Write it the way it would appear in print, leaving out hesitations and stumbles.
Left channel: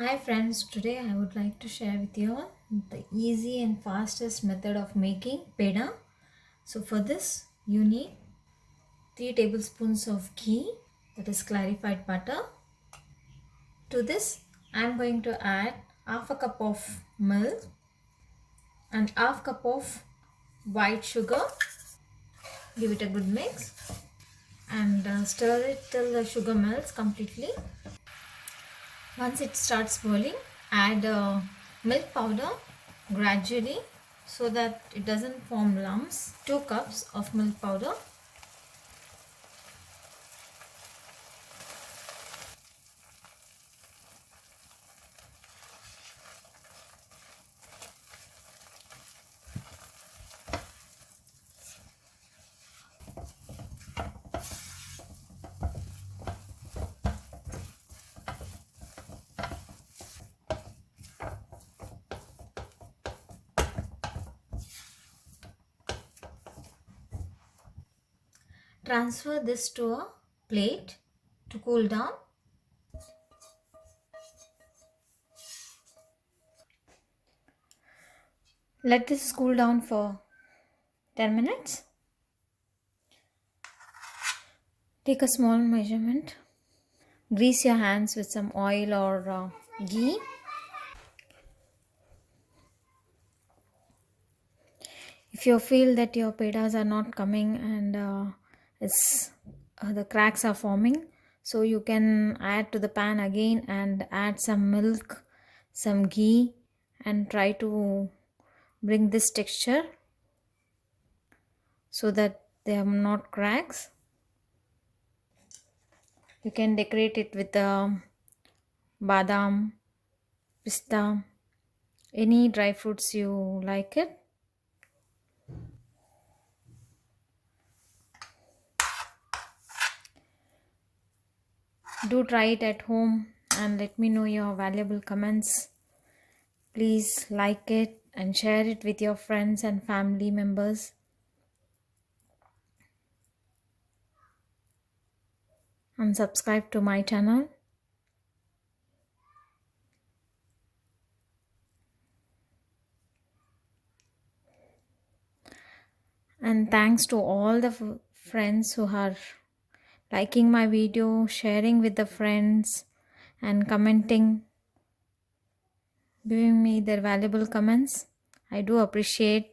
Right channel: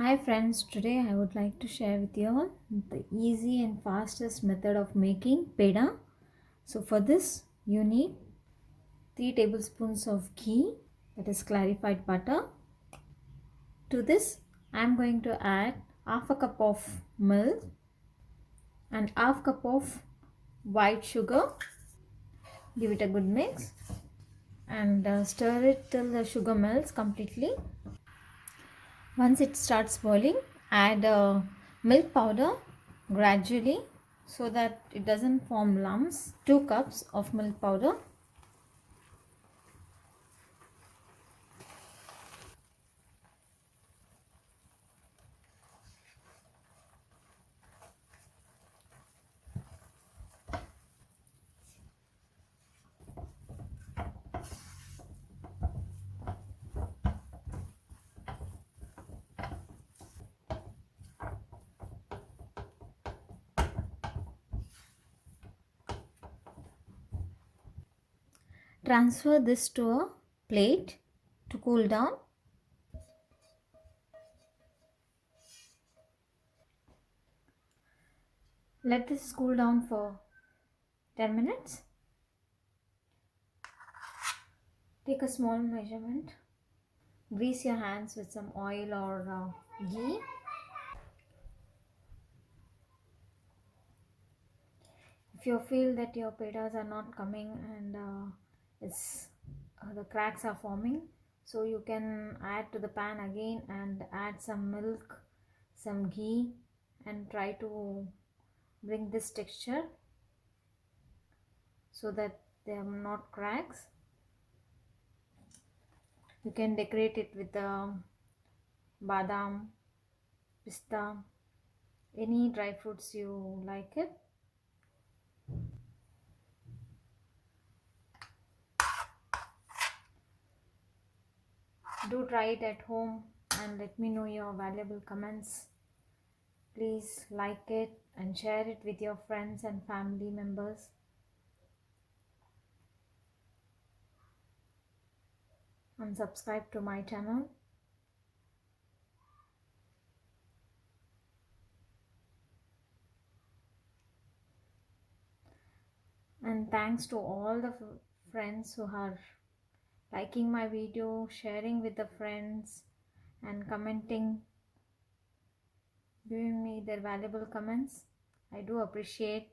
Hi friends, today I would like to share with you all the easy and fastest method of making peda. So for this you need 3 tablespoons of ghee, that is clarified butter. To this I am going to add half a cup of milk and half cup of white sugar. Give it a good mix and stir it till the sugar melts completely. Once it starts boiling, add milk powder gradually so that it doesn't form lumps. 2 cups of milk powder. Transfer this to a plate to cool down. Let this cool down for 10 minutes. Take a small measurement. Grease your hands with some oil or ghee. If you feel that your pedas are not coming and the cracks are forming, so you can add to the pan again and add some milk, some ghee, and try to bring this texture so that there are not cracks. You can decorate it with badam, pista, any dry fruits you like it. Do try it at home and let me know your valuable comments. Please like it and share it with your friends and family members. And subscribe to my channel. And thanks to all the friends who are liking my video, sharing with the friends, and commenting, giving me their valuable comments. I do appreciate.